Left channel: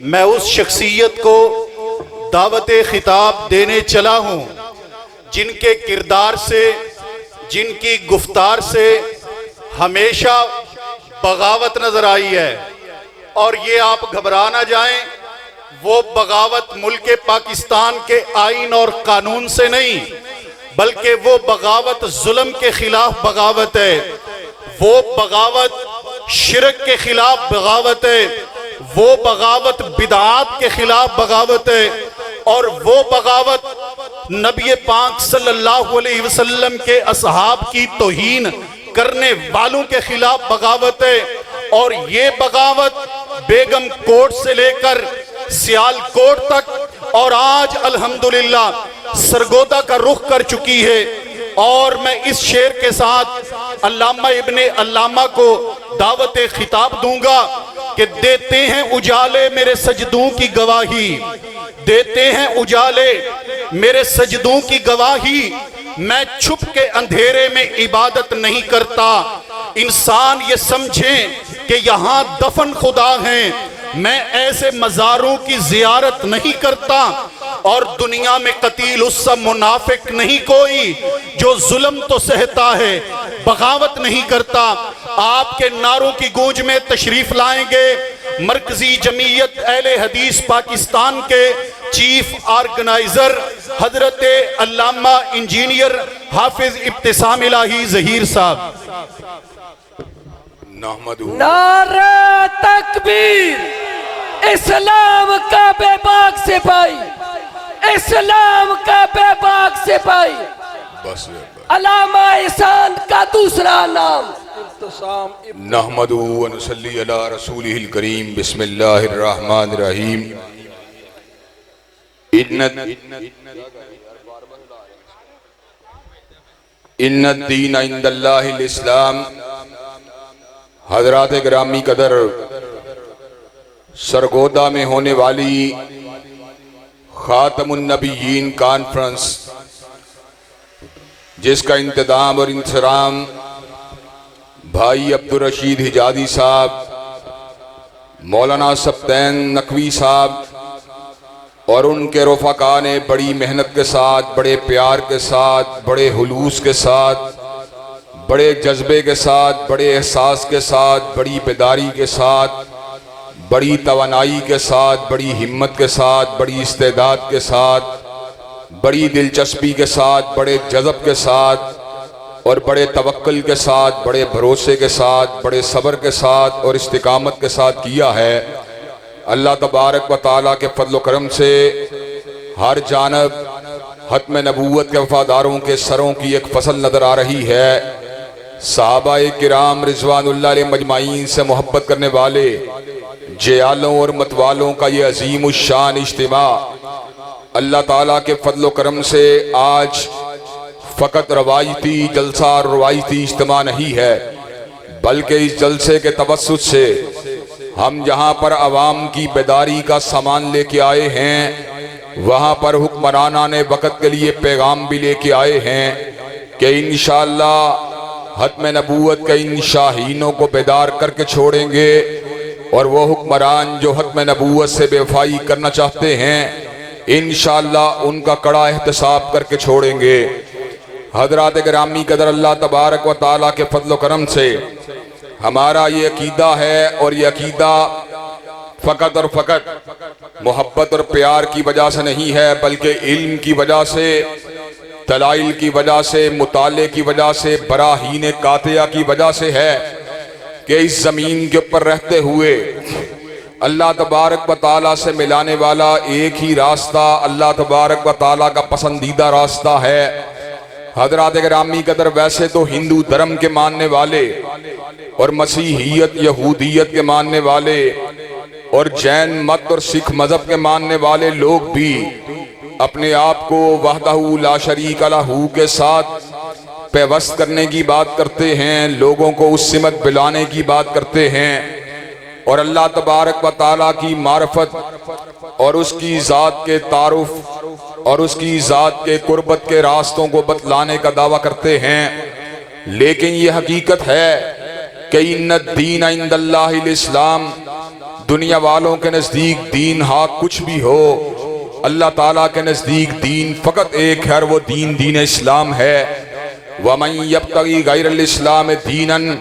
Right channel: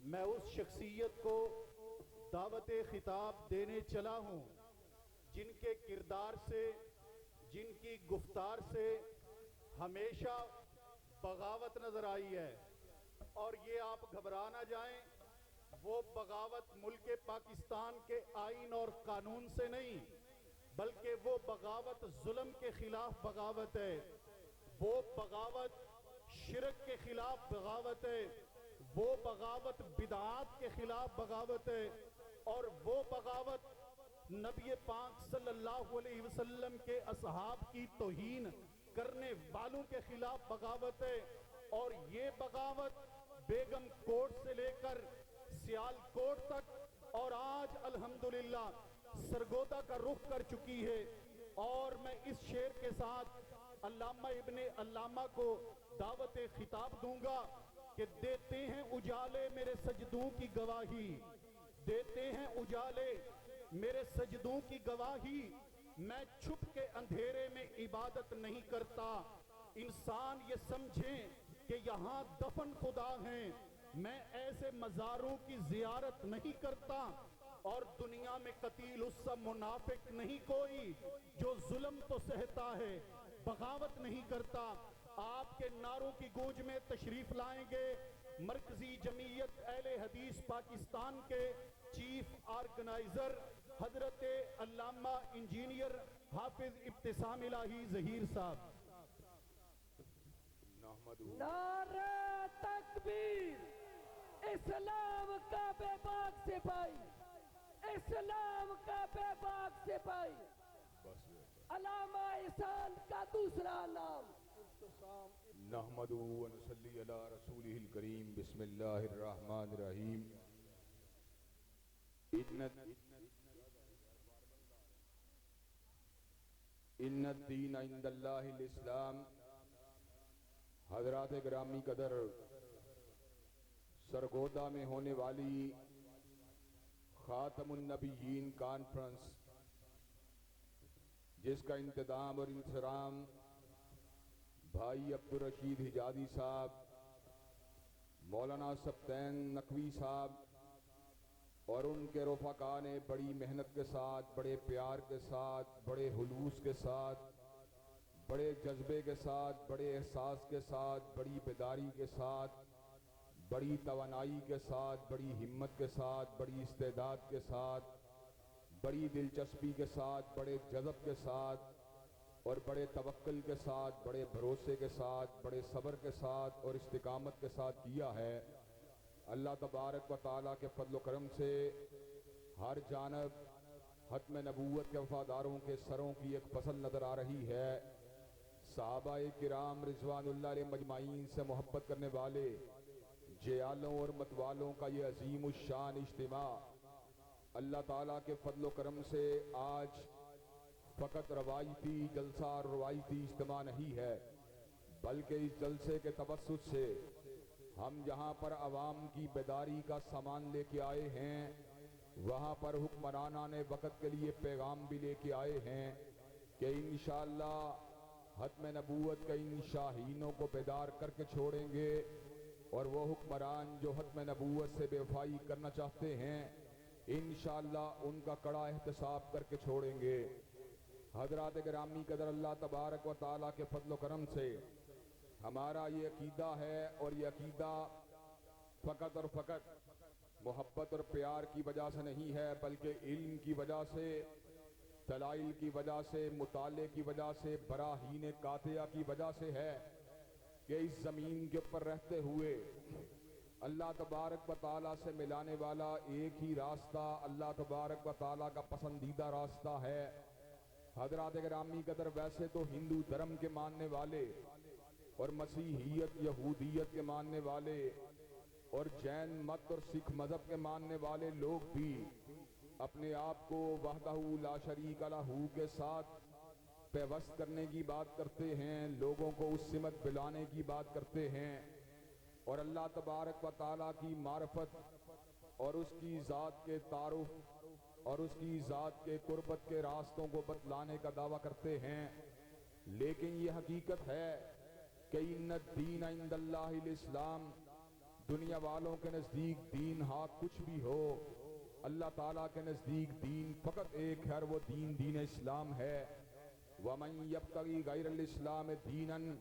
میں اس شخصیت کو دعوت خطاب دینے چلا ہوں جن کے کردار سے، جن کی گفتار سے ہمیشہ بغاوت نظر آئی ہے، اور یہ آپ گھبرا نہ جائیں، وہ بغاوت ملک پاکستان کے آئین اور قانون سے نہیں، بلکہ وہ بغاوت ظلم کے خلاف بغاوت ہے، وہ بغاوت شرک کے خلاف بغاوت ہے، وہ بغاوت بدعات کے خلاف بغاوت ہے، اور وہ بغاوت نبی پاک صلی اللہ علیہ وسلم کے اصحاب کی توہین کرنے والوں کے خلاف بغاوت ہے، اور یہ بغاوت بیگم کوٹ سے لے کر سیال کوٹ تک اور آج الحمدللہ سرگودا کا رخ کر چکی ہے۔ اور میں اس شعر کے ساتھ علامہ ابن علامہ کو دعوت خطاب دوں گا کہ دیتے ہیں اجالے میرے سجدوں کی گواہی، دیتے ہیں اجالے میرے سجدوں کی گواہی، میں چھپ کے اندھیرے میں عبادت نہیں کرتا، انسان یہ سمجھیں کہ یہاں دفن خدا ہیں، میں ایسے مزاروں کی زیارت نہیں کرتا، اور دنیا میں قتیل اس سا منافق نہیں کوئی جو ظلم تو سہتا ہے بغاوت نہیں کرتا۔ آپ کے نعروں کی گونج میں تشریف لائیں گے مرکزی جمعیت اہل حدیث پاکستان کے چیف آرگنائزر حضرت علامہ انجینئر حافظ ابتسام الہی ظہیر صاحب۔ نعرہ تکبیر، اسلام کا بے باک سپاہی، اسلام کا بے باک سپاہی، علامہ احسان کا دوسرا نام نحمدہ و نصلی علی رسولہ الکریم۔ بسم اللہ الرحمن الرحیم۔ ان الدین عند اللہ الاسلام۔ حضرات گرامی قدر، سرگودا میں ہونے والی خاتم النبیین کانفرنس جس کا انتظام اور انصرام بھائی عبدالرشید حجازی صاحب، مولانا سبطین نقوی صاحب اور ان کے رفقا نے بڑی محنت کے ساتھ، بڑے پیار کے ساتھ، بڑے خلوص کے ساتھ، بڑے جذبے کے ساتھ، بڑے احساس کے ساتھ، بڑی بیداری کے ساتھ، بڑی توانائی کے ساتھ، بڑی ہمت کے ساتھ، بڑی استعداد کے ساتھ، بڑی دلچسپی کے ساتھ، بڑے جذب کے ساتھ اور بڑے توکل کے ساتھ، بڑے بھروسے کے ساتھ، بڑے صبر کے ساتھ اور استقامت کے ساتھ کیا ہے۔ اللہ تبارک و تعالیٰ کے فضل و کرم سے ہر جانب ختم نبوت کے وفاداروں کے سروں کی ایک فصل نظر آ رہی ہے۔ صحابہ کرام رضوان اللہ علیہ مجمعین سے محبت کرنے والے جیالوں اور متوالوں کا یہ عظیم الشان اجتماع اللہ تعالیٰ کے فضل و کرم سے آج فقط روایتی جلسہ اور روایتی اجتماع نہیں ہے، بلکہ اس جلسے کے توسط سے ہم جہاں پر عوام کی بیداری کا سامان لے کے آئے ہیں، وہاں پر حکمرانان وقت کے لیے پیغام بھی لے کے آئے ہیں کہ انشاءاللہ ختم نبوت کے ان شاہینوں کو بیدار کر کے چھوڑیں گے، اور وہ حکمران جو ختم نبوت سے بے وفائی کرنا چاہتے ہیں انشاءاللہ ان کا کڑا احتساب کر کے چھوڑیں گے۔ حضرات گرامی قدر، اللہ تبارک و تعالیٰ کے فضل و کرم سے ہمارا یہ عقیدہ ہے، اور یہ عقیدہ فقط اور فقط محبت اور پیار کی وجہ سے نہیں ہے، بلکہ علم کی وجہ سے، دلائل کی وجہ سے، مطالعے کی وجہ سے، براہین قاطعہ کی وجہ سے ہے کہ اس زمین کے اوپر رہتے ہوئے اللہ تبارک و تعالیٰ سے ملانے والا ایک ہی راستہ اللہ تبارک و تعالیٰ کا پسندیدہ راستہ ہے۔ حضرات گرامی قدر، ویسے تو ہندو دھرم کے ماننے والے اور مسیحیت یہودیت کے ماننے والے اور جین مت اور سکھ مذہب کے ماننے والے لوگ بھی اپنے آپ کو وحدہ لا شریک لہ کے ساتھ پیوست کرنے کی بات کرتے ہیں، لوگوں کو اس سمت بلانے کی بات کرتے ہیں، اور اللہ تبارک و تعالیٰ کی معرفت اور اس کی ذات کے تعارف اور اس کی ذات کے قربت کے راستوں کو بتلانے کا دعویٰ کرتے ہیں۔ لیکن یہ حقیقت ہے کہ ان الدین عند اللہ الاسلام، دنیا والوں کے نزدیک دین ہاں کچھ بھی ہو، اللہ تعالیٰ کے نزدیک دین فقط ایک ہے، اور وہ دین دین اسلام ہے۔ وَمَن يَبْتَغِي غَيْرَ الْإِسْلَامِ دِينًا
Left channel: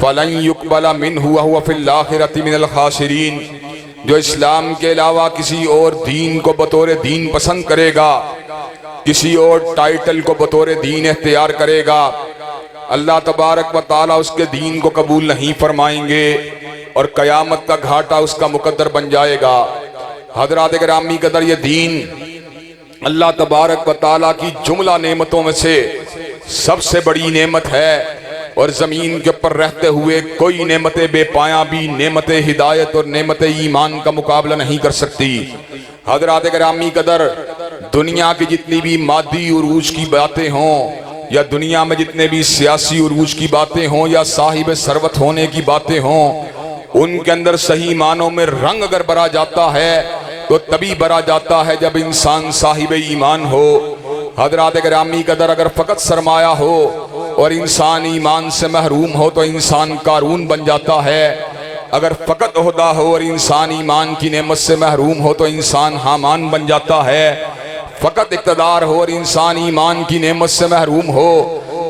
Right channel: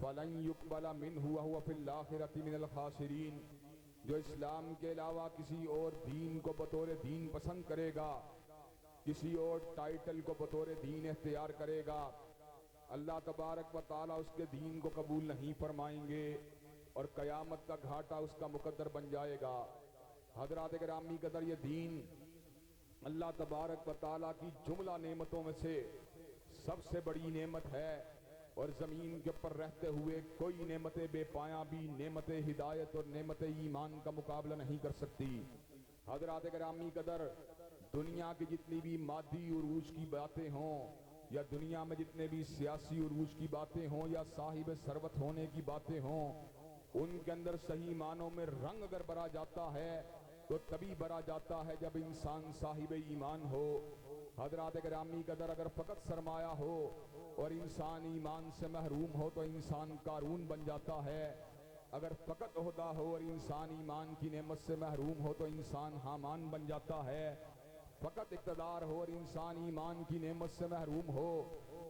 فَلَن يُقْبَلَ مِنْهُ وَهُوَ فِي الْآخِرَةِ مِنَ الْخَاسِرِينَ، جو اسلام کے علاوہ کسی اور دین کو بطور دین پسند کرے گا، کسی اور ٹائٹل کو بطور دین اختیار کرے گا، اللہ تبارک و تعالیٰ اس کے دین کو قبول نہیں فرمائیں گے، اور قیامت کا گھاٹا اس کا مقدر بن جائے گا۔ حضرات گرامی قدر، یہ دین اللہ تبارک و تعالیٰ کی جملہ نعمتوں میں سے سب سے بڑی نعمت ہے، اور زمین کے اوپر رہتے ہوئے کوئی نعمت بے پایاں بھی نعمت ہدایت اور نعمت ایمان کا مقابلہ نہیں کر سکتی۔ حضرات گرامی قدر، دنیا کی جتنی بھی مادی عروج کی باتیں ہوں، یا دنیا میں جتنے بھی سیاسی عروج کی باتیں ہوں، یا صاحب ثروت ہونے کی باتیں ہوں، ان کے اندر صحیح معنوں میں رنگ اگر بھرا جاتا ہے تو تبھی بھرا جاتا ہے جب انسان صاحب ایمان ہو۔ حضرات گرامی قدر، اگر فقط سرمایہ ہو اور انسان ایمان سے محروم ہو تو انسان قارون بن جاتا ہے، اگر فقط عہدہ ہو اور انسان ایمان کی نعمت سے محروم ہو تو انسان حامان بن جاتا ہے، فقط اقتدار ہو اور انسان ایمان کی نعمت سے محروم ہو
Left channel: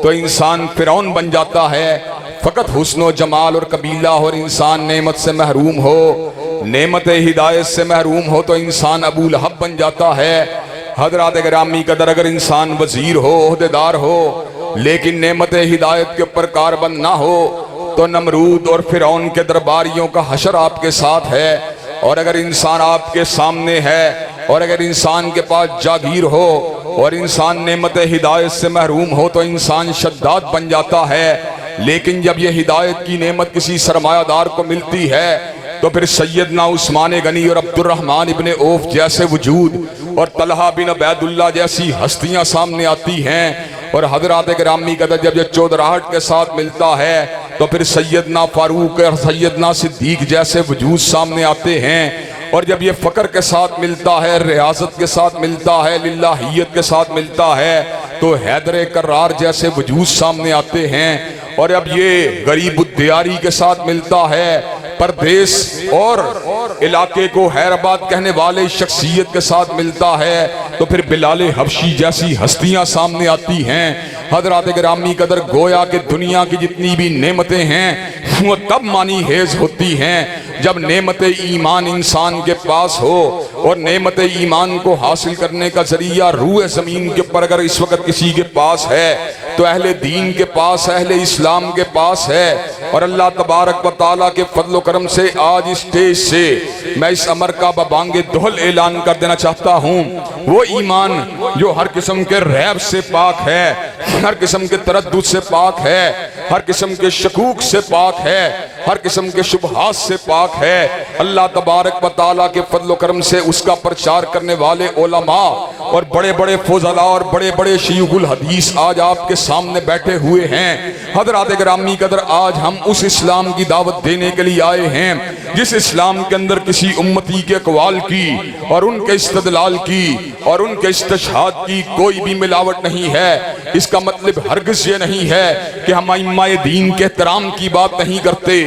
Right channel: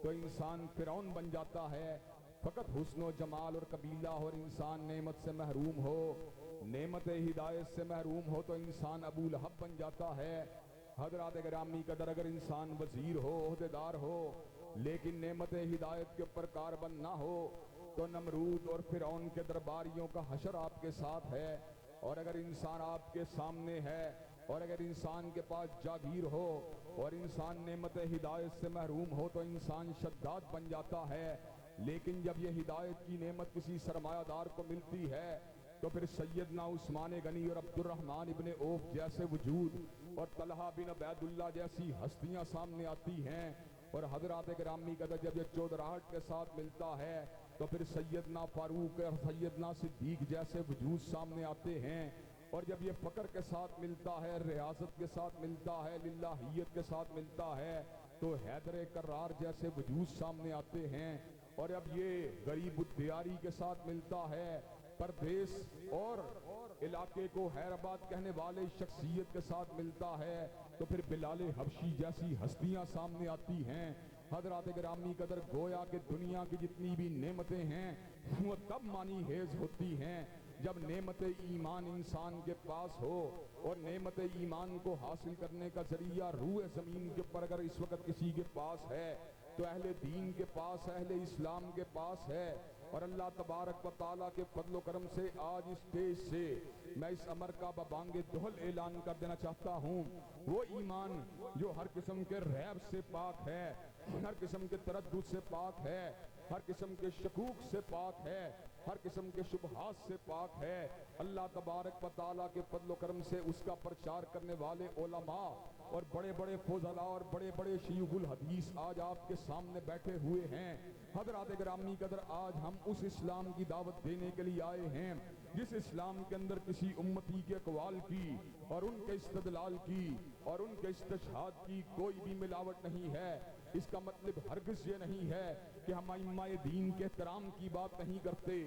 تو انسان فرعون بن جاتا ہے، فقط حسن و جمال اور قبیلہ ہو اور انسان نعمت سے محروم ہو، نعمت ہدایت سے محروم ہو تو انسان ابو لہب بن جاتا ہے۔ حضرات گرامی قدر، اگر انسان وزیر ہو، عہدیدار ہو، لیکن نعمت ہدایت کے اوپر کاربند نہ ہو تو نمرود اور فرعون کے درباریوں کا حشر آپ کے ساتھ ہے۔ اور اگر انسان آپ کے سامنے ہے، اور اگر انسان کے پاس جاگیر ہو اور انسان نعمت ہدایت سے محروم ہو تو انسان شداد بن جاتا ہے، لیکن جب یہ ہدایت کی نعمت کسی سرمایہ دار کو ملتی ہے تو پھر سیدنا عثمان غنی اور عبد الرحمن ابن عوف جیسے وجود اور طلحہ بن عبید اللہ جیسی ہستیاں سامنے آتی ہیں، اور حضرات گرامی قدر جب یہ چودراہٹ کے ساتھ ملتا ہے تو پھر سیدنا فاروق اور سیدنا صدیق جیسے وجود سامنے آتے ہیں، اور جب یہ فقر کے ساتھ ملتا ہے، ریاضت کے ساتھ ملتا ہے، للہیت کے ساتھ ملتا ہے تو حیدر کرار جیسے وجود سامنے آتے ہیں، اور اب یہ غریب الدیاری کے ساتھ ملتا ہے، پردیس اور علاقے کو حیرآباد کہنے والے شخصیت کے ساتھ ملتا ہے تو پھر بلال حبشی جیسی ہستیاں سامنے آتی ہیں۔ حضرات گرامی قدر، گویا کہ دنیا کی جتنی بھی نعمتیں ہیں وہ تب معنی خیز ہوتی ہیں جب نعمت ایمان انسان کے پاس ہو، اور نعمت ایمان کو حاصل کرنے کا ذریعہ روح زمین کے پر اگر اس وقت کسی کے پاس ہے تو اہل دین کے پاس، اہل اسلام کے پاس ہے۔ اور اللہ تبارک و تعالیٰ کے فضل و کرم سے آج اس اسٹیج سے میں اس امر کا ببانگ دہل اعلان کر دینا چاہتا ہوں، وہ ایمان جو ہر قسم کے ریب سے پاک ہے، ہر قسم کے تردد سے پاک ہے، ہر قسم کے شکوک سے پاک ہے، ہر قسم کے شبہات سے پاک ہے، اللہ تبارک و تعالیٰ کے فضل و کرم سے اس کا پرچار کرنے والے علماء اور بڑے بڑے فضلاء اور بڑے بڑے شیوخ الحدیث آج آپ کے سامنے بیٹھے ہوئے ہیں۔ حضرات گرامی قدر، آج ہم اس اسلام کی دعوت دینے کے لیے آئے ہیں جس اسلام کے اندر کسی امتی کے اقوال کی اور ان کے استدلال کی اور ان کے استشہاد کی کوئی بھی ملاوٹ نہیں ہے۔ اس کا مطلب ہرگز یہ نہیں ہے کہ ہم ائمہ دین کے احترام کی بات نہیں کرتے،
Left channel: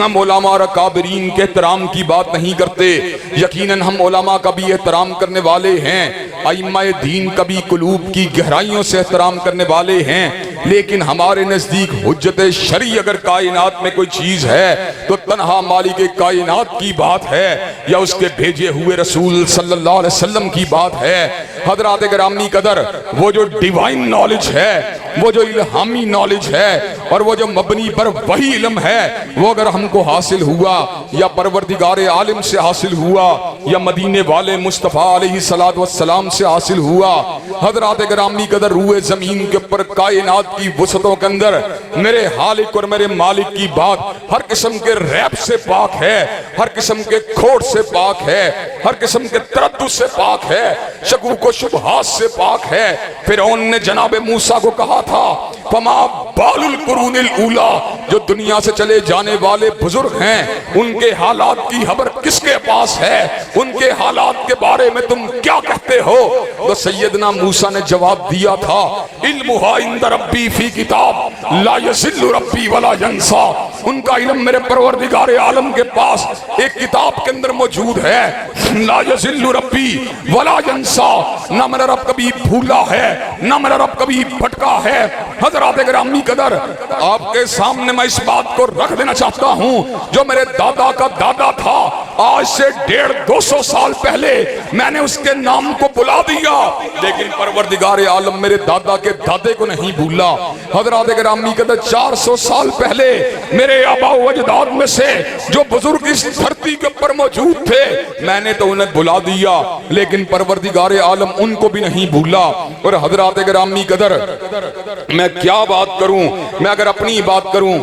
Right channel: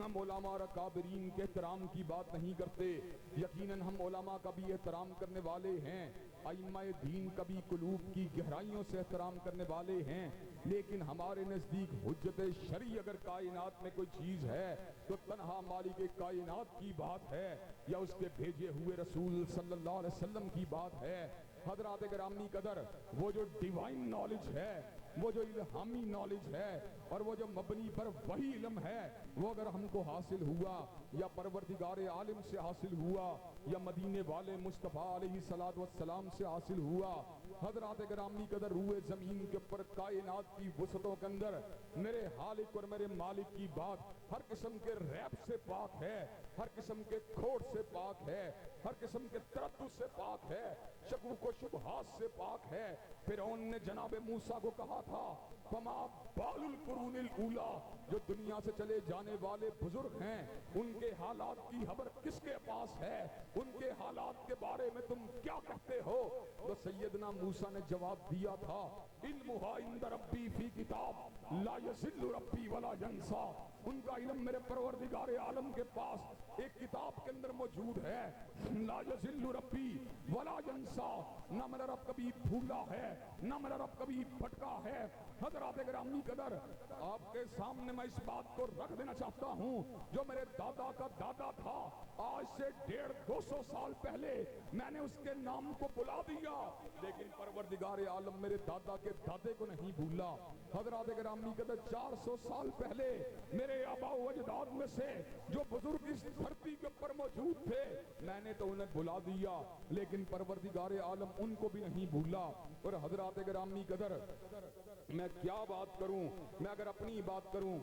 ہم علماء اور اکابرین کے احترام کی بات نہیں کرتے، یقیناً ہم علماء کا بھی احترام کرنے والے ہیں، ائمہ دین کا بھی قلوب کی گہرائیوں سے احترام کرنے والے ہیں، لیکن ہمارے نزدیک حجت شرعی اگر کائنات میں کوئی چیز ہے تو تنہا مالک کائنات کی بات ہے یا اس کے بھیجے ہوئے رسول صلی اللہ علیہ وسلم کی بات ہے۔ حضرات گرامی قدر، وہ جو ڈیوائن نالج ہے، وہ جو الہامی نالج ہے، اور وہ جو مبنی پر وہی علم ہے، وہ اگر ہم کو حاصل ہوا یا پروردگار عالم سے حاصل ہوا یا مدینے والے مصطفیٰ علیہ السلام سے حاصل ہوا، حضرات گرامی قدر، روح زمین کے اوپر کائنات کی وسعتوں کے اندر میرے خالق اور میرے مالک کی بات ہر قسم کے ریب سے پاک ہے، ہر قسم کے کھوٹ سے پاک ہے، ہر قسم کے تردد سے پاک ہے، شکوک و شبہات سے پاک ہے۔ فرعون نے جناب موسیٰ کو کہا تھا فما بال القرون الاولی جو دنیا سے چلے جانے والے بزرگ ہیں ان کے حالات کی خبر کس کے پاس ہے؟ ان کے حالات کے بارے میں تم کیا کہتے ہو؟ تو سیدنا موسیٰ نے جواب دیا تھا علمھا عند ربی فی کتاب لا یضل ربی ولا ینسا۔ ان کا علم میرے پروردگار عالم کے پاس ایک کتاب کے اندر موجود ہے، لا یضل ربی ولا ینسا، نہ میرا رب کبھی بھولا ہے نہ میرا رب کبھی بھٹکا ہے۔ حضرات گرامی قدر، آپ کے سامنے میں اس بات کو رکھ دینا چاہتا ہوں، جو میرے دادا کا دادا تھا آج سے 150-200 سال پہلے میں نے اس کے نام کو بلا دیا، لیکن پروردگار عالم میرے دادا کے دادے کو نہیں بھولا۔ حضرات گرامی قدر، 400 سال پہلے میرے آباء و اجداد میں سے جو بزرگ اس دھرتی کے اوپر موجود تھے میں نے تو انہیں بلا دیا، لیکن پروردگار عالم ان کو بھی نہیں بھولا۔ اور حضرات گرامی قدر، میں کیا بات کروں؟ میں اگر اپنی بات کروں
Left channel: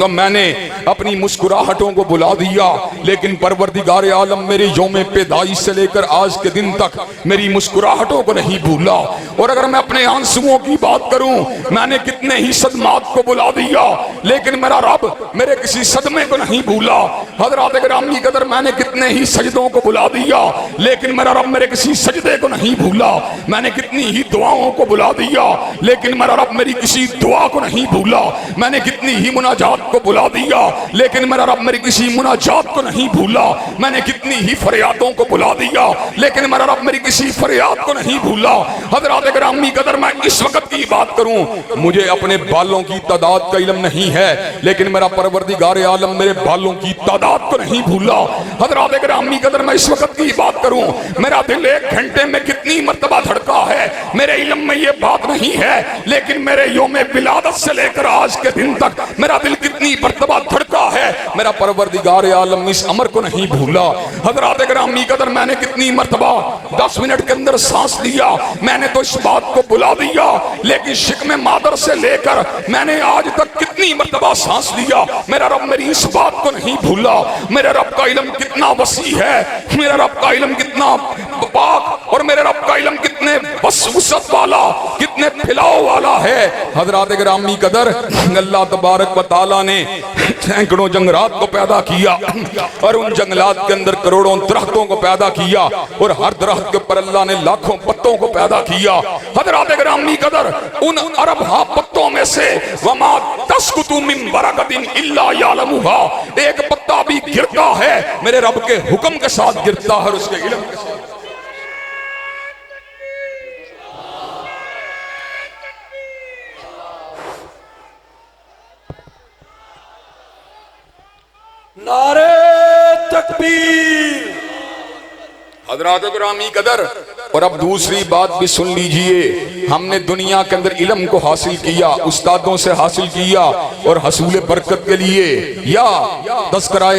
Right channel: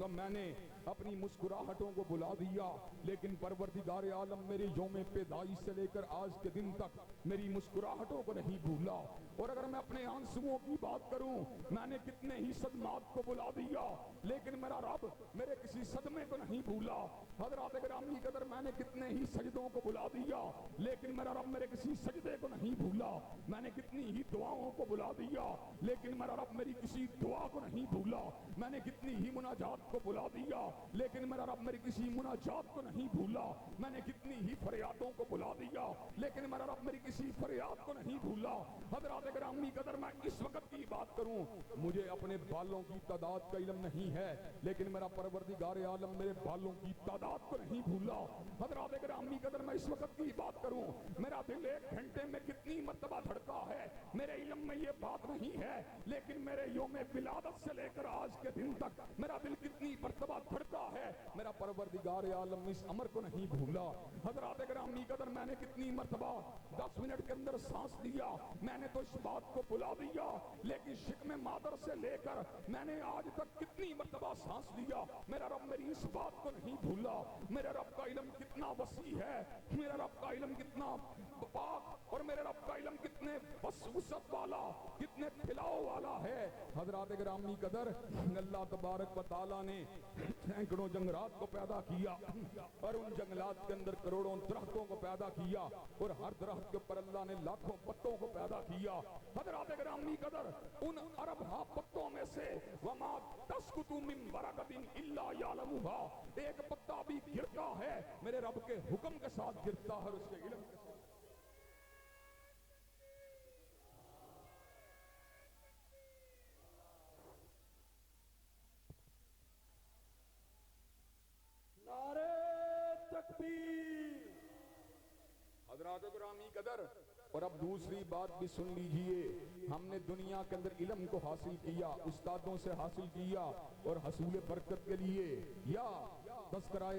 تو میں نے اپنی مسکراہٹوں کو بلا دیا، لیکن پروردگار عالم میری یوم پیدائش سے لے کر آج کے دن تک میری مسکراہٹوں کو نہیں بھولا۔ اور اگر میں اپنے آنسوؤں کی بات کروں، میں نے کتنے ہی صدمات کو بلا دیا، لیکن میرا رب میرے کسی صدمے کو نہیں بھولا۔ حضرات گرامی قدر، میں نے کتنے ہی سجدوں کو بلا دیا، لیکن میرا رب میرے کسی سجدے کو نہیں بھولا۔ میں نے کتنی ہی دعاؤں کو بلا دیا، لیکن میرا رب میری کسی دعا کو نہیں بھولا۔ میں نے کتنی ہی مناجات کو بلا دیا، لیکن میرا رب میری کسی مناجات کو نہیں بھولا۔ میں نے کتنی ہی فریادوں کو بلا دیا، لیکن میرا رب میری کسی فریاد کو نہیں بھولا۔ حضرات گرامی قدر، میں اس وقت کی بات کروں، مجھے اپنے بالوں کی تعداد کا علم نہیں ہے، لیکن میرا پروردگار عالم میرے بالوں کی تعداد کو نہیں بھولا۔ حضرات گرامی قدر، میں اس وقت کی بات کروں، میرا دل 1 گھنٹے میں کتنی مرتبہ دھڑکا ہے میرے علم میں یہ بات نہیں ہے، لیکن میرے یوم ولادت سے لے کر آج کے دن تک میرا دل کتنی مرتبہ دھڑکا ہے، میرا پروردگار عالم اس امر کو نہیں بھولا۔ حضرات گرامی قدر، میں نے کتنی مرتبہ 10 منٹ کے اندر سانس لیا، میں نے تو اس بات کو بلا دیا، لیکن شکم مادر سے لے کر میں نے آج تک کتنی مرتبہ سانس لیا، میرا رب میری اس بات کو نہیں بھولا۔ میرے رب کا علم کتنا وسیع ہے، میرے رب کا علم کتنا پاک، اور میرے رب کا علم کتنے وسعت والا، کتنے پھیلاؤ والا ہے۔ حضرات گرامی قدر، اللہ تبارک و تعالیٰ نے سینکڑوں جنگلات کو پیدا کیا، اور ان جنگلات کے اندر کروڑوں درختوں کو پیدا کیا، اور ہر درخت کے اوپر اللہ نے لاکھوں پتوں کو پیدا کیا۔ حضرات گرامی قدر، ان ارب ہا پتوں میں سے وما تسقط من ورقۃ الا یعلمها، ایک پتا بھی گرتا ہے میرے رب کے حکم کے ساتھ گرتا ہے، اور اس کے علم کے ساتھ۔ نعرہ تکبیر۔ حضرات گرامی قدر، اور اب دوسری بات بھی سن لیجئے، ہم نے دنیا کے اندر علم کو حاصل کیا، استادوں سے حاصل کیا، اور حصول برکت کے لیے یا تذکرہ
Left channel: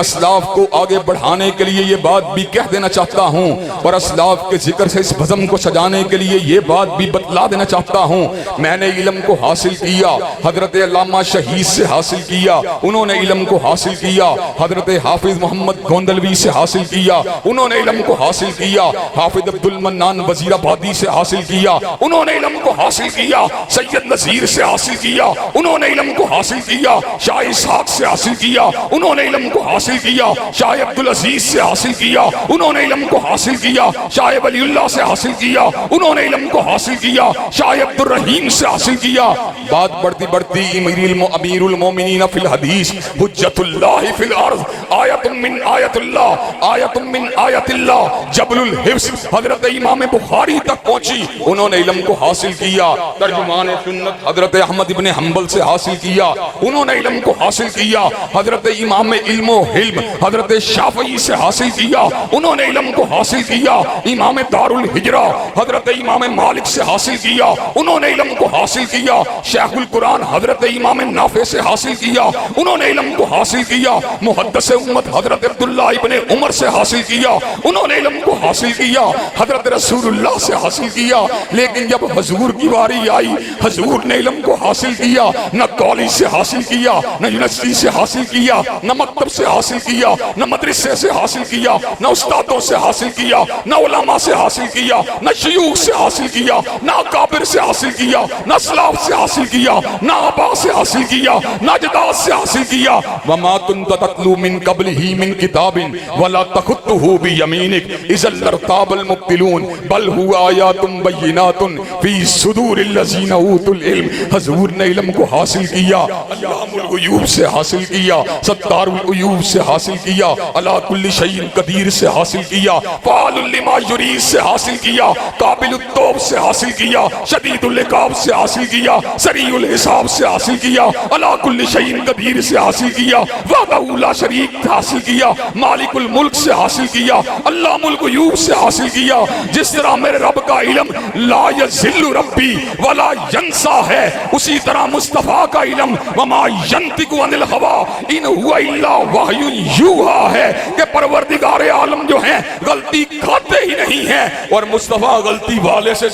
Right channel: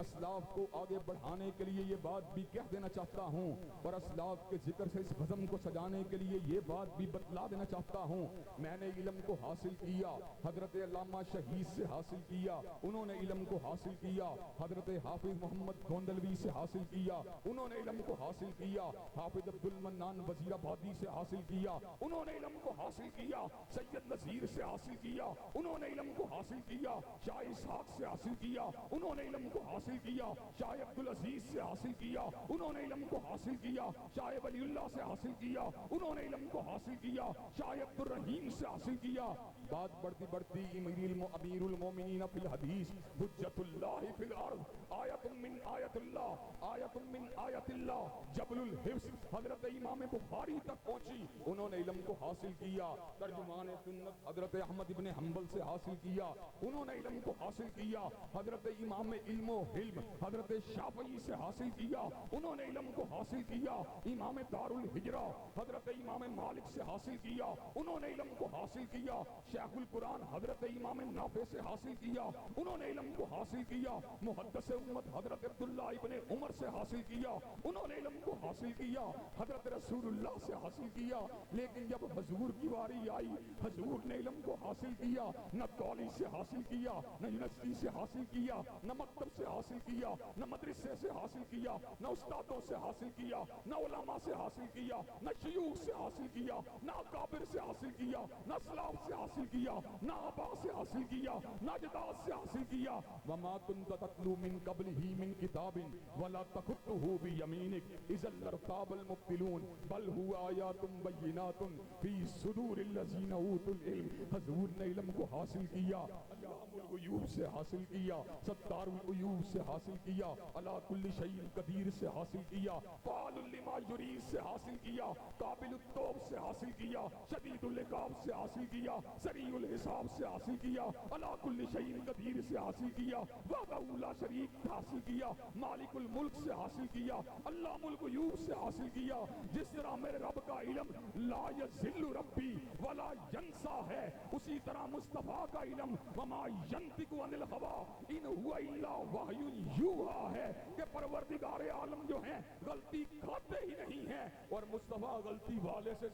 اسلاف کو آگے بڑھانے کے لیے یہ بات بھی کہہ دینا چاہتا ہوں، اور اسلاف کے ذکر سے اس بزم کو سجانے کے لیے یہ بات بھی بتلا دینا چاہتا ہوں۔ میں نے علم کو حاصل کیا، حضرت علامہ شہید سے حاصل کیا، انہوں نے علم کو حاصل کیا، حضرت حافظ محمد گوندلوی سے حاصل کیا، انہوں نے علم کو حاصل کیا، حافظ عبد المنان وزیر آبادی سے حاصل کیا، انہوں نے علم کو حاصل کیا، سید نذیر سے حاصل کیا، انہوں نے علم کو حاصل کیا، شاہ اسحاق سے حاصل کیا، انہوں نے علم کو حاصل کیا، شاہ عبدالعزیز سے حاصل کیا، انہوں نے علم کو حاصل کیا، شاہ ولی اللہ سے حاصل کیا، انہوں نے علم کو حاصل کیا، شاہ عبد الرحیم سے حاصل کیا۔ بات بڑھتی بڑھتی امیر المومنین فی الحدیث، حجت اللہ فی الارض، آیت من آیت اللہ، آیت من آیت اللہ، جبل الحفظ، حضرت امام بخاری تک پہنچی، انہوں نے علم کو حاصل کیا۔ ترجمان سنت حضرت احمد ابن حنبل سے حاصل کیا، انہوں نے علم کو حاصل کیا۔ حضرت امام علم و حلم حضرت شافعی سے حاصل کیا، انہوں نے علم کو حاصل کیا۔ امام دار الحجرہ حضرت امام مالک سے حاصل کیا، انہوں نے علم کو حاصل کیا۔ شیخ القرآن حضرت امام نافع سے حاصل کیا، انہوں نے علم کو حاصل کیا۔ محدث امت حضرت عبداللہ ابن عمر سے حاصل کیا، انہوں نے علم کو حاصل حاصل کیا، حضرت رسول اللہ سے حاصل کیا، لیکن جب حضور کی باری آئی حضور نے علم کو حاصل کیا، نہ کالج سے حاصل کیا، نہ یونیورسٹی سے حاصل کیا، نہ مکتب سے حاصل کیا، نہ مدرسے سے حاصل کیا، نہ استادوں سے حاصل کیا، نہ علماء سے حاصل کیا، نہ شیوخ سے حاصل کیا، نہ اکابر سے حاصل کیا، نہ اسلاف سے حاصل کیا، نہ آبا سے حاصل کیا، نہ اجداد سے حاصل کیا۔ وما كنت تتلو من قبله من کتاب ولا تخطه بيمينك اذا لارتاب المبطلون بل هو آیات بینات فی صدور الذین اوتوا العلم۔ حضور نے علم کو حاصل کیا، علام الغیوب سے حاصل کیا، ستار العیوب سے حاصل کیا، علی کل شیء قدیر سے حاصل کیا، فعال لما یرید سے حاصل کیا، قابل التوب سے حاصل کیا، شدید العقاب سے حاصل کیا، سریع الحساب سے حاصل کیا، علی کل شیء قدیر سے حاصل کیا، وحدہ لا شریک سے حاصل کیا، مالک الملک سے حاصل کیا، علام الغیوب سے حاصل کیا۔ جس طرح میرے رب کا علم لا یذل ربی ولا ینسا ہے، اسی طرح مصطفیٰ کا علم وما ینطق عن الہوی ان ہوا الا وحی یوحی ہے کہ پروردگار عالم جو ہیں غلطی کھاتے ہی نہیں ہیں، اور مصطفیٰ غلطی والے سے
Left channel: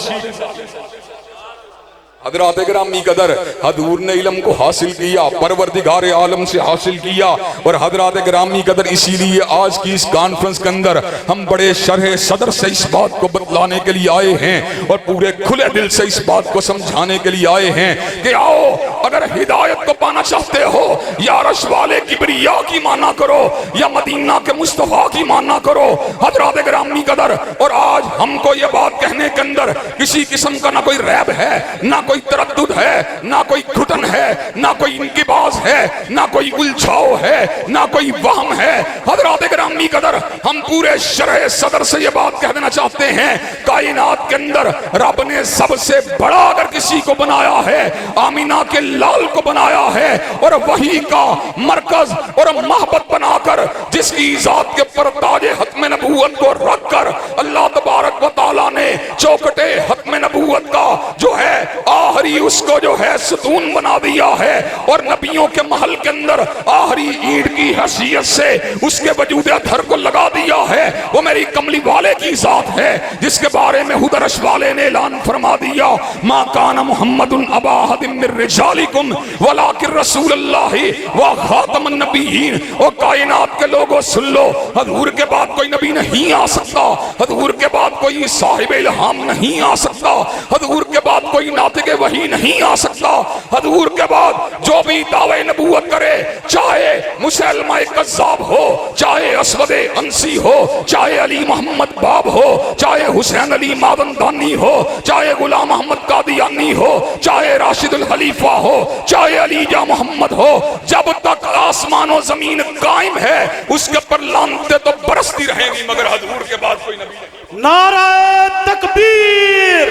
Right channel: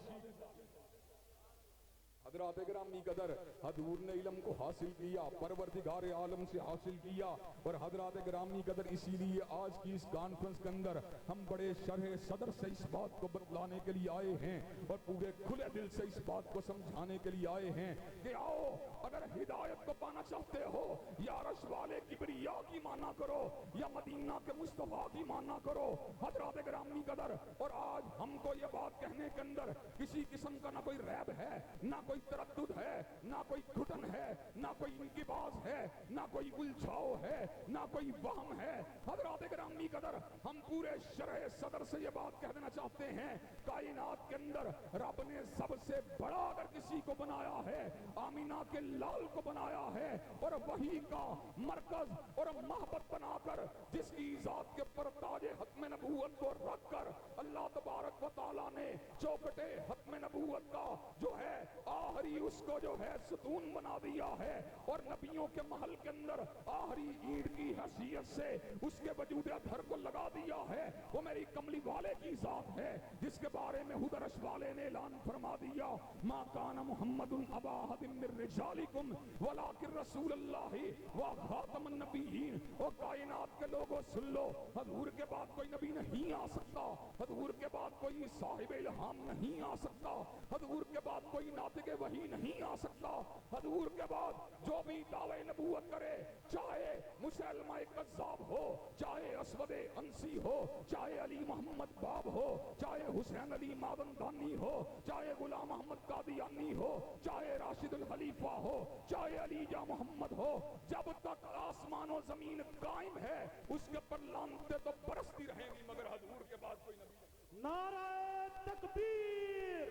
حضرات گرامی قدر حضور نے علم کو حاصل کیا، پروردگار عالم سے حاصل کیا، اور حضرات گرامی قدر اسی لیے آج کی اس کانفرنس کے اندر ہم بڑے شرح صدر سے اس بات کو بتلانے کے لیے آئے ہیں اور پورے کھلے دل سے اس بات کو سمجھانے کے لیے آئے ہیں کہ آؤ اگر ہدایت کو پانا چاہتے ہو یا عرش والے کبریا کی مانا کرو یا مدینہ کے مصطفیٰ کی مانا کرو۔ حضرات گرامی قدر اور آج ہم کو یہ بات کہنے کے اندر کسی قسم کا نہ کوئی ریب ہے، نہ کوئی تردد ہے، نہ کوئی گھٹن ہے، نہ کوئی انقباض ہے، نہ کوئی الجھاؤ ہے، نہ کوئی وہم ہے۔ حضرات گرامی قدر ہم پورے شرح صدر سے یہ بات کہہ دینا چاہتے ہیں، کائنات کے اندر رب نے سب سے بڑا اگر کسی کو بنایا ہے آمینہ کے لال کو بنایا ہے، اور وہی کا مرکز اور محبت بنا کر جس کی ذات کے پر تاج ختم نبوت کو رکھ کر اللہ تبارک و تعالیٰ نے چوکٹے ختم نبوت کا جو ہے آخری اس کو جو ہے ستون بنا دیا ہے، اور نبیوں کے محل کے اندر آخری اینٹ کی حیثیت سے اس کے وجود ادھر کو لگا دیا ہے۔ وہ میری کملی والے کی ذات ہے جس کے بارے میں خود عرش والے نے اعلان فرما دیا، ما کان محمد ابا احد من رجالکم ولکن رسول اللہ و خاتم النبیین۔ اور کائنات کے لوگوں سن لو، حضور کے بعد کوئی نبی نہیں آ سکتا، حضور کے بعد کوئی صاحب الہام نہیں آ سکتا، حضور کے بعد کوئی ناطق وحی نہیں آ سکتا، حضور کے بعد جو بھی دعوے نبوت کرے، چاہے مسلمہ کذاب ہو، چاہے اسود انسی ہو، چاہے علی محمد باب ہو، چاہے حسین علی مادندانی ہو، چاہے غلام محمد قادیانی ہو، چاہے راشد الخلیفہ ہو، چاہے علی جا محمد ہو، جب تک آسمان و زمین قائم ہے اس کے پر لعنتیں تو برستی رہیں گی، مگر حضور کے بعد کوئی نبی نہیں۔ نعرہ تکبیر،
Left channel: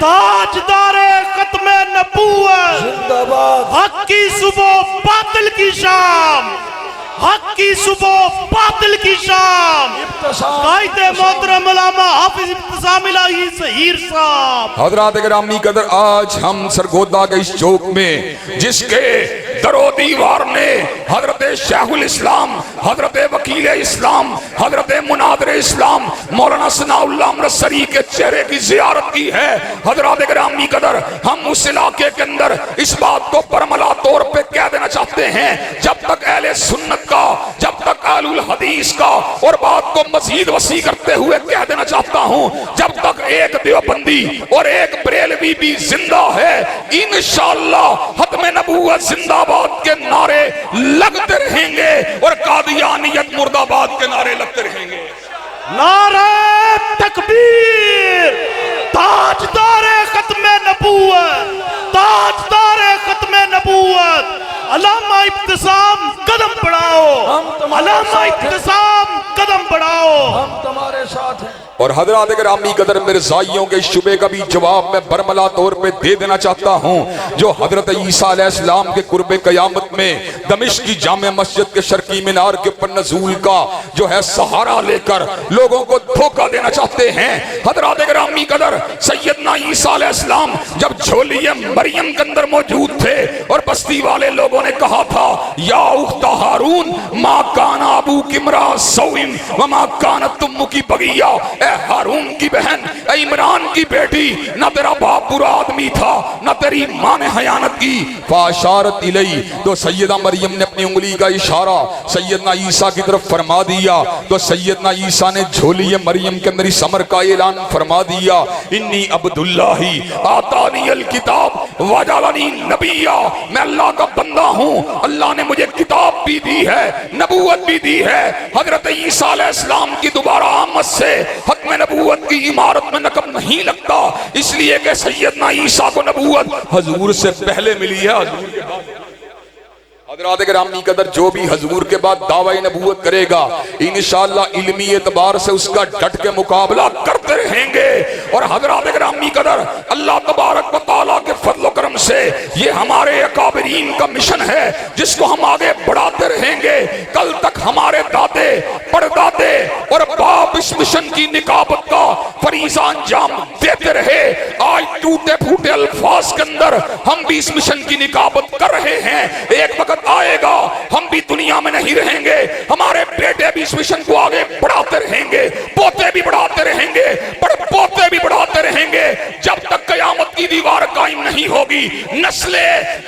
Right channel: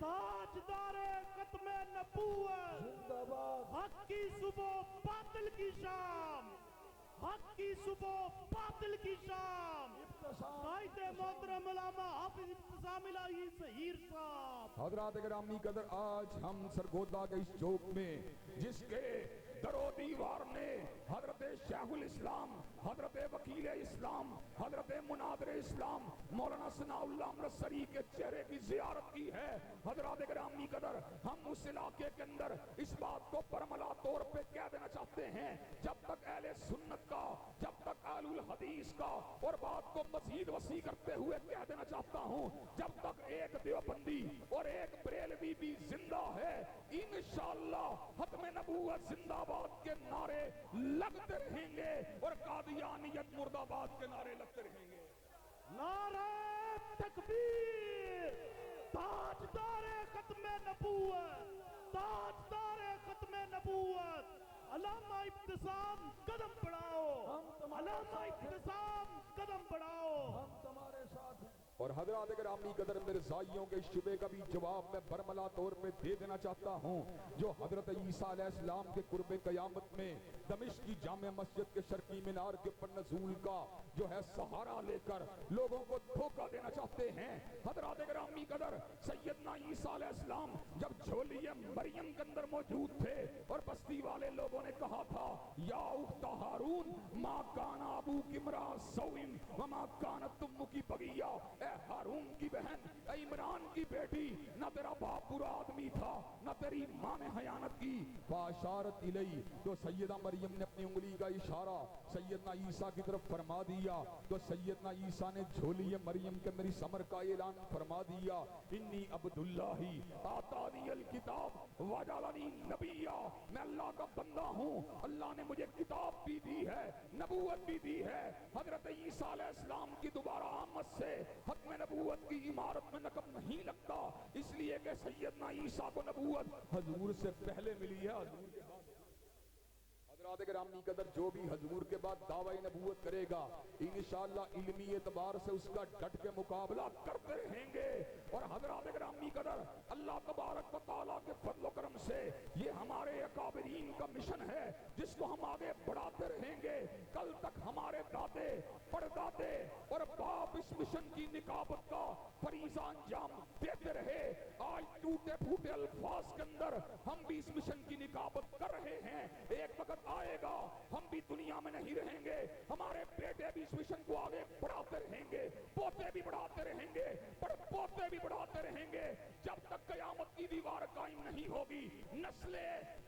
تاجدار ختم نبوت، زندہ باد، حق کی صبح باطل کی شام، حق کی صبح باطل کی شام، قائد محترم علامہ حافظ ابتسام الہی ظہیر صاحب۔ حضرات گرامی قدر آج ہم سرگودا کے اس چوک میں جس کے در و دیوار نے حضرت شیخ الاسلام، حضرت وکیل اسلام، حضرت مناظر اسلام مولانا ثناء اللہ امرتسری کے چہرے کی زیارت کی ہے، حضرات گرامی قدر ہم اس علاقے کے اندر اس بات کو برملا طور پہ کہہ دینا چاہتے ہیں، جب تک اہل سنت کا، جب تک اہل الحدیث کا، اور بات کو مزید وسیع کرتے ہوئے کہہ دینا چاہتا ہوں، جب تک ایک دیوبندی اور ایک بریلوی بھی زندہ ہے، انشاءاللہ ختم نبوت زندہ باد کے نعرے لگتے رہیں گے اور قادیانیت مرد آباد کے نعرے لگتے رہیں گے۔ نعرہ تکبیر، تاجدار ختم نبوت، تاجدار ختم نبوت، علامہ ابتسام قدم بڑھاؤ، علامہ ابتسام قدم بڑھاؤ۔ ہم تمہارے ساتھ ہیں۔ اور حضرات گرامی قدر مرزائیوں کے شبے کا بھی جواب میں برملا طور پہ دے دینا چاہتا ہوں، جو حضرت عیسیٰ علیہ السلام کے قرب قیامت میں دمشق کی جامع مسجد کے شرقی مینار کے پر نزول کا جو ہے سہارا لے کر لوگوں کو دھوکہ دینا چاہتے ہیں۔ حضرات گرامی قدر سیدنا عیسیٰ علیہ السلام جب جھولی مریم کے اندر موجود تھے اور بستی والے لوگوں نے کہا تھا، یا اخت ہارون ما کان ابوک امرأ سوء وما کانت امک بغیہ، اے ہارون کی بہن، اے عمران کی بیٹی، نہ تیرا باپ برا آدمی تھا نہ تیری ماں نے خیانت کی۔ فاشارت الی، تو سیدہ مریم نے اپنی انگلی کا اشارہ سیدنا عیسیٰ کی طرف فرما دیا، تو سیدنا عیسیٰ نے جھولی مریم کے اندر اس امر کا اعلان فرما دیا، انی عبداللہ آتانی الکتاب وجعلنی نبیا، میں اللہ کا بندہ ہوں، اللہ نے مجھے کتاب بھی دی ہے، نبوت بھی دی ہے۔ حضرت عیسیٰ علیہ السلام کی دوبارہ آمد سے ختم نبوت کی عمارت میں نقب نہیں لگتا، اس لیے کہ سیدنا عیسیٰ کو نبوت حضور سے پہلے ملی ہے، حضور کے بعد۔ حضرات گرامی قدر، جو بھی حضور کے بعد دعوی نبوت کرے گا انشاءاللہ علمی اعتبار سے اس کا ڈٹ کے مقابلہ کرتے رہیں گے۔ اور حضرات گرامی قدر، اللہ تبارک و تعالیٰ کے فضل و کرم سے یہ ہمارے اکابرین کا مشن ہے جس کو ہم آگے بڑھاتے رہیں گے۔ کل تک ہمارے دادے پردادے اور باپ اس مشن کی نکابت کا فریضہ انجام دیتے رہے، آج ٹوٹے پھوٹے الفاظ کے اندر ہم بھی اس مشن کی نکابت کر رہے ہیں۔ ایک وقت آئے گا ہم بھی دنیا میں نہیں رہیں گے، ہمارے بیٹے بھی اس مشن کو آگے بڑھاتے رہیں گے، پوتے بھی بڑھاتے رہیں گے، پوتے بھی بڑھاتے رہیں گے، جب تک قیامت کی دیوار قائم نہیں ہوگی۔ نسل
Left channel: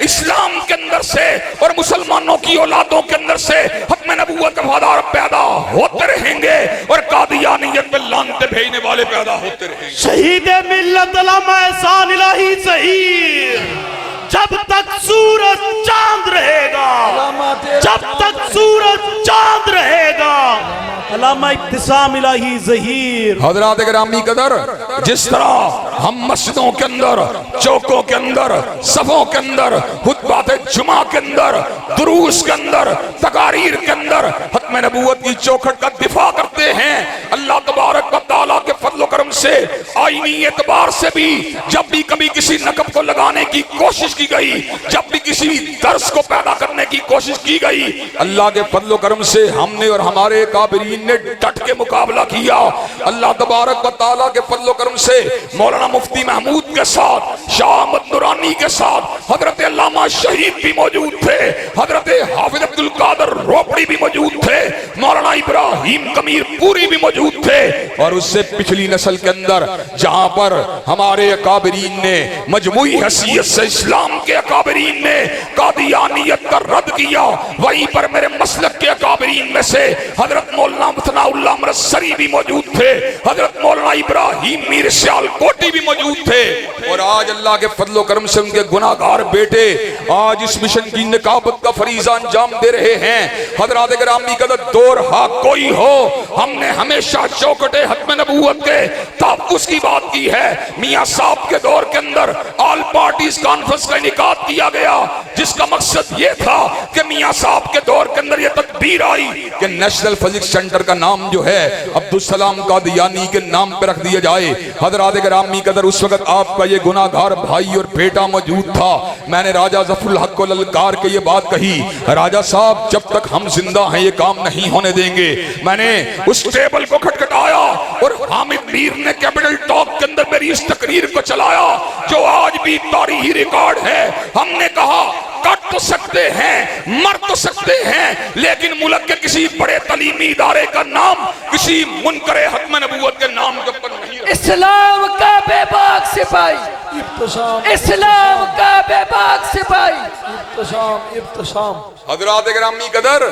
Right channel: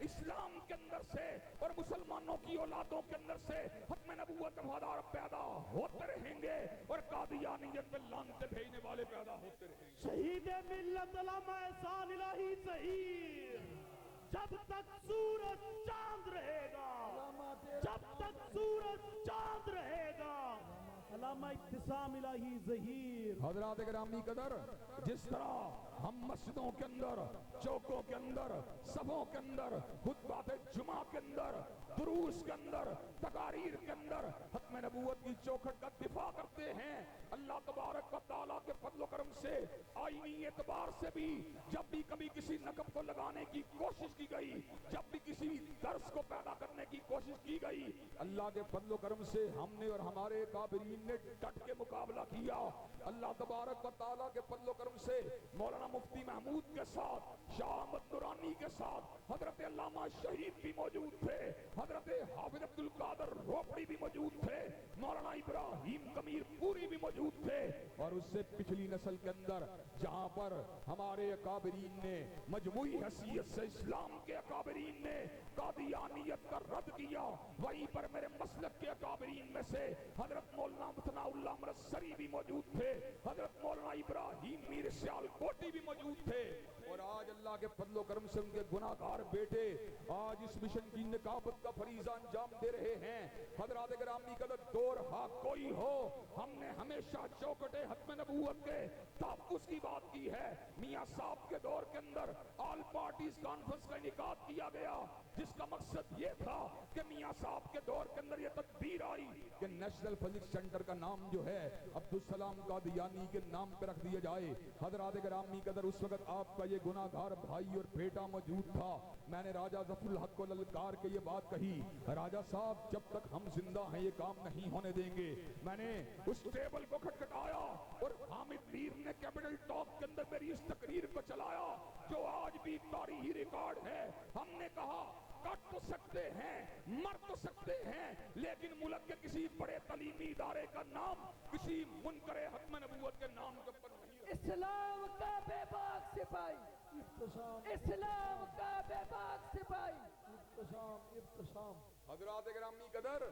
اسلام کے اندر سے اور مسلمانوں کی اولادوں کے اندر سے ختم نبوت کا وفادار پیدا ہوتے رہیں گے اور قادیانیت میں لانتے بھیجنے والے پیدا ہوتے رہیں گے۔ شہید ملت علامہ احسان الہی ظہیر، جب تک سورج چاند رہے گا، جب تک سورج چاند رہے گا، علامہ ابتسام الہی ظہیر۔ حضرات گرامی قدر، جس طرح ہم مسجدوں کے اندر، چوکوں کے اندر، صفوں کے اندر، خطبات جمعہ کے اندر، دروس کے اندر، تقاریر کے اندر ختم نبوت کی چوکھٹ کا دفاع کرتے ہیں، اللہ تبارک و تعالیٰ کے فضل و کرم سے آئینی اعتبار سے بھی جب بھی کبھی کسی نقب کو لگانے کی کوشش کی گئی، جب بھی کسی درس کو پیدا کرنے کی کوشش کی گئی، اللہ کے فضل و کرم سے ہم نے اور ہمارے کابرین نے ڈٹ کے مقابلہ کیا۔ اللہ تبارک و تعالیٰ کے فضل و کرم سے مولانا مفتی محمود کے ساتھ، شاہ احمد نورانی کے ساتھ حضرت علامہ شہید بھی موجود تھے، حضرت حافظ عبدالقادر روپڑی بھی موجود تھے، مولانا ابراہیم کمیر پوری بھی موجود تھے، اور اس سے پچھلی نسل کے اندر جہاں پر ہمارے اکابرین نے مجموعی حیثیت سے اسلام کے اکابرین نے قادیانیت کا رد کیا، وہیں پر میرے مسلک کے اکابرین میں سے حضرت مولانا ثناء اللہ مرسری بھی موجود تھے، حضرت مولانا ابراہیم میر سیال کوٹی بھی موجود تھے، اور آج اللہ کے فضل و کرم سے ان کے گناہگار بیٹے آج اس مشن کی نکابت کا فریضہ انجام دے رہے ہیں۔ حضرات گرامی قدر، دور ہاں کوئی ہو، ہم نے ہمیشہ چوکٹے ختم نبوت کے تحفظ کی بات کی ہے۔ میاں صاحب کے دور کے اندر آل پارٹیز کانفرنس کا انعقاد کیا گیا، جس کا مقصد یہ تھا کہ میاں صاحب کے دور کے اندر یہ تدبیر آئی کہ نیشنل فزکس سینٹر کا نام جو ہے عبدالسلام قادیانی کے نام پہ رکھ دیا جائے۔ حضرات گرامی قدر، اس وقت آپ کا یہ گناہگار بھائی اور بیٹا موجود تھا۔ میں نے راجہ ظفر الحق کو للکار کے یہ بات کہی، راجہ صاحب جب تک ہم زندہ ہیں یہ کام نہیں ہونے دیں گے۔ میں نے اس ٹیبل کو کھٹکھٹایا اور حامد میر نے کیپٹل ٹاک کے اندر میری اس تقریر کو چلایا جو آج بھی تاریخی ریکارڈ ہے۔ ہم نے کہا کٹ تو سکتے ہیں، مر تو سکتے ہیں، لیکن ملک کے کسی بڑے تعلیمی ادارے کا نام کسی منکر ختم نبوت کے نام کے اوپر نہیں رکھا۔ اسلام کا بے باک سپاہی، اسلام کا بے باک سپاہی، ابتسام۔ حضرات گرامی قدر،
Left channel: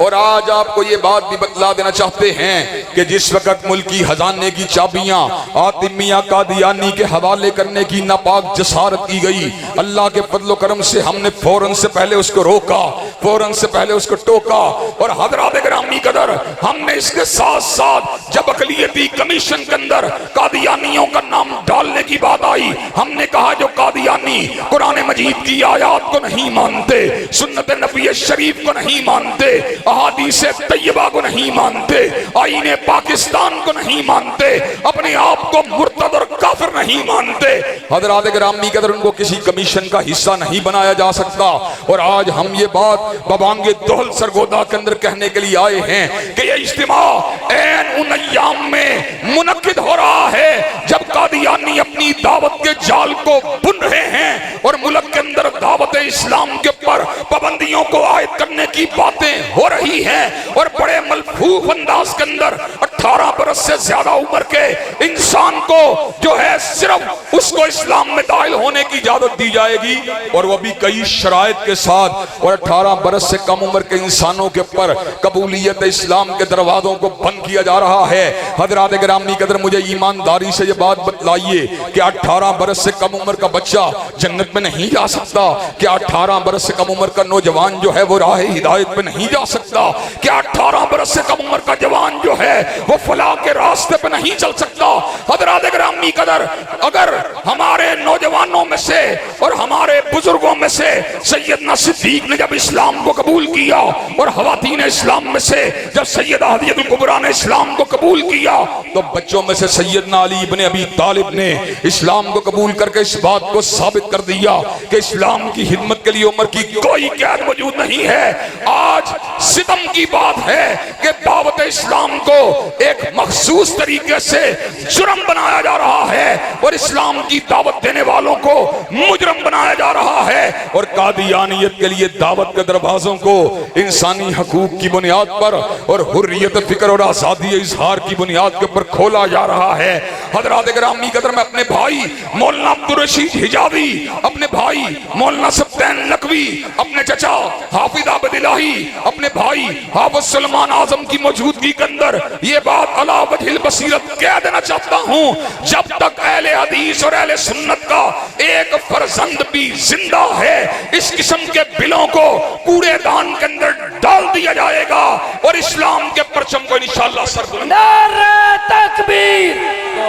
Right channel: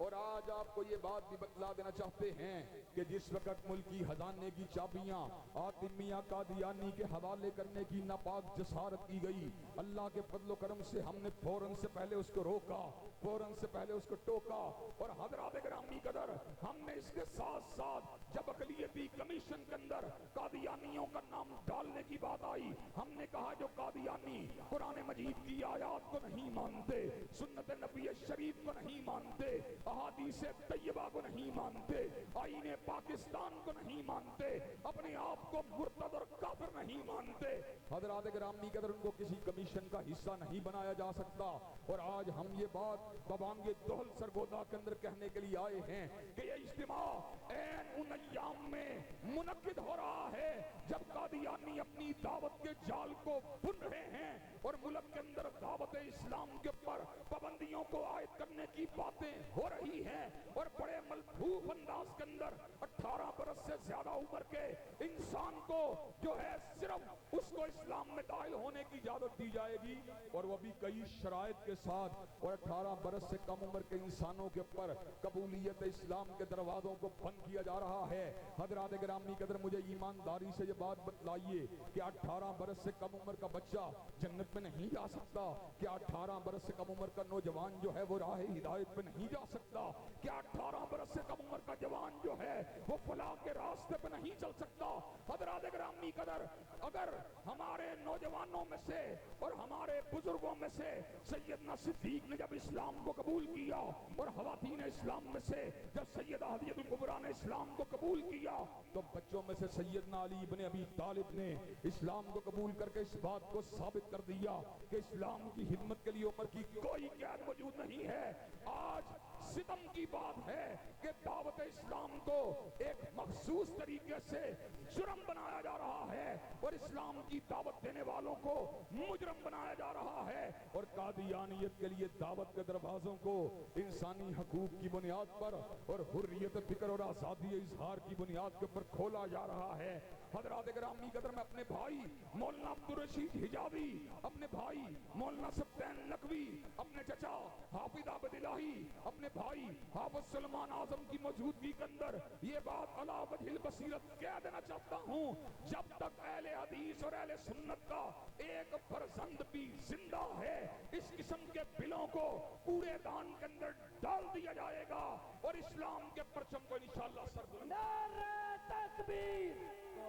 اور آج آپ کو یہ بات بھی بتلا دینا چاہتے ہیں کہ جس وقت ملکی خزانے کی چابیاں حاتم میاں قادیانی کے حوالے کرنے کی ناپاک جسارت کی گئی، اللہ کے فضل و کرم سے ہم نے فوراً سے پہلے اس کو روکا، فوراً سے پہلے اس کو ٹوکا، اور حضرات گرامی قدر ہم نے اس کے ساتھ ساتھ جب اقلیتی کمیشن کے اندر قادیانیوں کا نام ڈالنے کی بات آئی، ہم نے کہا جو قادیانی قرآن مجید کی آیات کو نہیں مانتے، سنت نبی شریف کو نہیں مانتے، احادیث طیبہ کو نہیں مانتے، آئین پاکستان کو نہیں مانتے، اپنے آپ کو مرتد اور کافر نہیں مانتے، حضرات گرامی قدر ان کو کسی کمیشن کا حصہ نہیں بنایا جا سکتا۔ اور آج ہم یہ بات ببانگ دہل سرگودا کے اندر کہنے کے لیے آئے ہیں کہ یہ اجتماع این ان ایام میں منعقد ہو رہا ہے جب قادیانی اپنی دعوت کے جال کو بن رہے ہیں اور ملک کے اندر دعوت اسلام کے اوپر پابندیوں کو عائد کرنے کی باتیں ہو رہی ہیں، اور بڑے ملفوف انداز کے اندر 18 برس سے زیادہ عمر کے انسان کو جو ہے صرف اس کو اسلام میں داخل ہونے کی اجازت دی جائے گی، اور وہ بھی کئی شرائط کے ساتھ، اور 18 برس سے کم عمر کے انسانوں کے اوپر قبولیت اسلام کے دروازوں کو بند کیا جا رہا ہے۔ حضرات گرامی قدر، مجھے ایمانداری سے یہ بات بتلائیے کہ 18 برس سے کم عمر کا بچہ جنت میں نہیں جا سکتا؟ کیا 18 برس سے کم عمر کا نوجوان جو ہے وہ راہ ہدایت پہ نہیں جا سکتا؟ کیا 18 برس سے کم عمر کا جوان جو ہے وہ فلاح کے راستے پہ نہیں چل سکتا؟ حضرات گرامی قدر، اگر ہمارے نوجوانوں میں سے اور ہمارے بزرگوں میں سے سیدنا صدیق نے جب اسلام کو قبول کیا، اور خواتین اسلام میں سے جب سیدہ حدیجہ الکبریٰ نے اسلام کو قبول کیا، تو بچوں میں سے سیدنا علی ابن ابی طالب نے اسلام کو قبول کر کے اس بات کو ثابت کر دیا کہ اسلام کی خدمت کے لیے عمر کی کوئی قید موجود نہیں ہے۔ آج ستم کی بات ہے کہ دعوت اسلام کو ایک مخصوص طریقے سے جرم بنایا جا رہا ہے، اور اسلام کی دعوت دینے والوں کو مجرم بنایا جا رہا ہے، اور قادیانیت کے لیے دعوت کے دروازوں کو انسانی حقوق کی بنیاد پر اور حریت فکر اور آزادی اظہار کی بنیاد کے پر کھولا جا رہا ہے۔ حضرات گرامی قدر، میں اپنے بھائی مولانا عبدالرشید حجازی، اپنے بھائی مولانا سبطین نقوی، اپنے چچا حافظ عابد الہی، اپنے بھائی حافظ سلمان اعظم کی موجودگی کے اندر یہ بات علی وجہ البصیرت کہہ دینا چاہتا ہوں، جب تک اہل حدیث اور اہل سنت کا ایک فرزند بھی زندہ ہے، اس قسم کے بلوں کو کوڑے دان کے اندر ڈال دیا جائے گا، اور اسلام کے پرچم کو انشاءاللہ سر بلند۔ نعرہ تکبیر،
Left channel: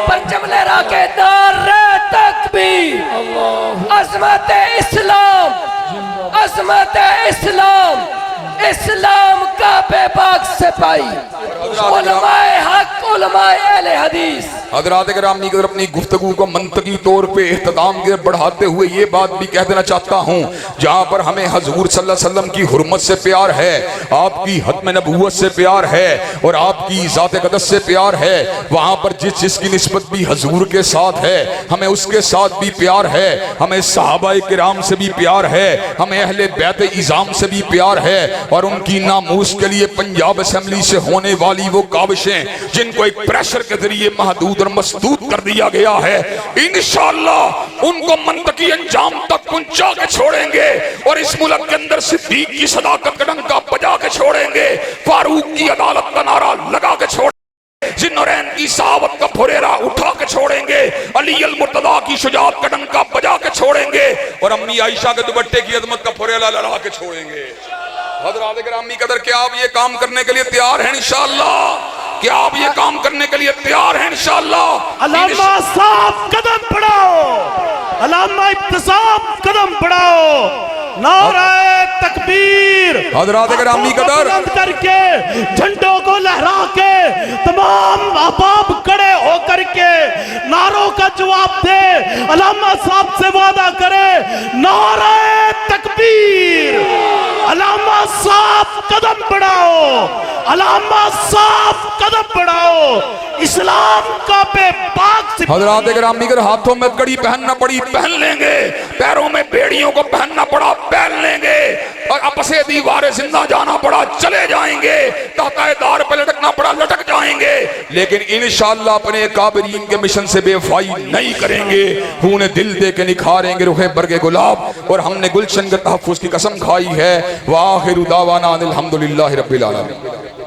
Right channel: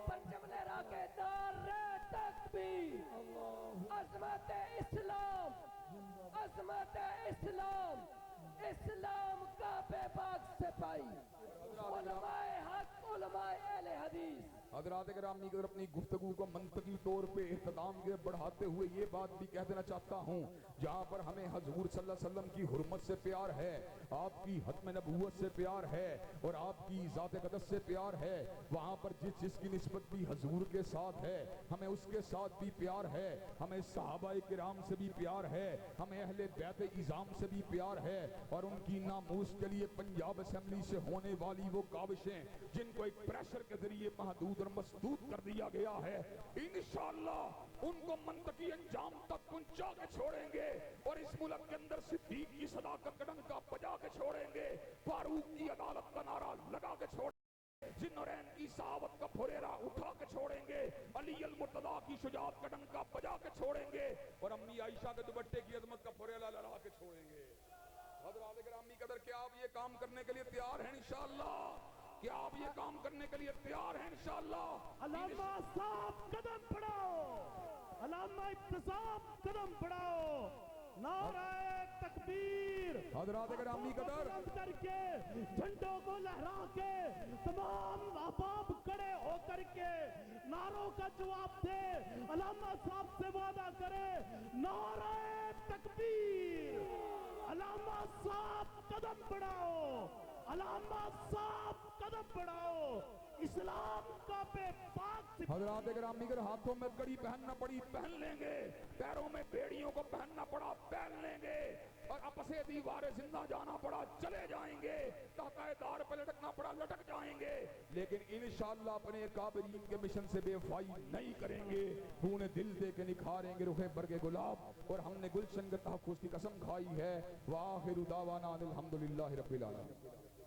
پرچم لہرا کے نعرہ تکبیر، عظمت اسلام، عظمت اسلام، اسلام کا بے باک سپاہی، علماء حق، علماء اہل حدیث۔ حضرات گرامی قدر، اپنی گفتگو کو منطقی طور پہ اختتام کے بڑھاتے ہوئے یہ بات بھی کہہ دینا چاہتا ہوں، جہاں پر ہمیں حضور صلی اللہ علیہ وسلم کی حرمت سے پیار ہے، آپ کی ختم نبوت سے پیار ہے، اور آپ کی ذات اقدس سے پیار ہے، وہاں پر جس کی نسبت بھی حضور کے ساتھ ہے، ہمیں اس کے ساتھ بھی پیار ہے، ہمیں صحابہ کرام سے بھی پیار ہے، ہمیں اہل بیت اعظام سے بھی پیار ہے، اور ان کی ناموس کے لیے پنجاب اسمبلی سے ہونے والی وہ کاوشیں جن کو ایک پریشر کے ذریعے محدود اور مسدود کر دیا گیا ہے، انشاءاللہ ان کو منطقی انجام تک پہنچا کے چھوڑیں گے، اور اس ملک کے اندر صدیق کی صداقت کا ڈنکا بجا کے چھوڑیں گے، فاروق کی عدالت کا نعرہ لگا کے چھوڑیں گے، ذوالنورین کی صحابت کا پھریرا اٹھا کے چھوڑیں گے، علی المرتضیٰ کی شجاعت کا ڈنکا بجا کے چھوڑیں گے، اور امی عائشہ کے دوپٹے کی عظمت کا پھریرا لہرا کے چھوڑیں گے۔ حضرات گرامی قدر، کیا آپ یہ کام کرنے کے لیے تیار ہیں انشاءاللہ؟ کیا آپ یہ کام کرنے کے لیے تیار ہیں انشاءاللہ؟ علامہ صاحب قدم بڑھاؤ، علامہ ابتسام قدم بڑھاؤ، نعرہ تکبیر، حضرات گرامی قدر، بلند کر کے جھنڈوں کو لہرا کے تمام احباب کھڑے ہو کر کے نعروں کا جواب دے، علامہ صاحب سے وعدہ کرے، نعرہ تکبیر، علامہ صاحب قدم بڑھاؤ، علامہ صاحب قدم بڑھاؤ، اسلام کا بے باک سپاہی۔ حضرات گرامی قدر، ہاتھوں میں کڑی پہننا پڑی پہن لیں گے، پیروں میں بیڑیوں کو پہننا پڑا پہن لیں گے، اور اپسے دیوار زندہ جانا پڑا چلے جائیں گے، تحتہ دار پہ لٹکنا پڑا لٹک جائیں گے، لیکن انشاءاللہ اپنے کابرین کے مشن سے بے وفائی نہیں کریں گے، خون دل دے کے نکھاریں گے رخ برگ گلاب، اور ہم نے گلشن کے تحفظ کی قسم کھائی ہے۔ وآخر دعوانا الحمدللہ رب العالمین۔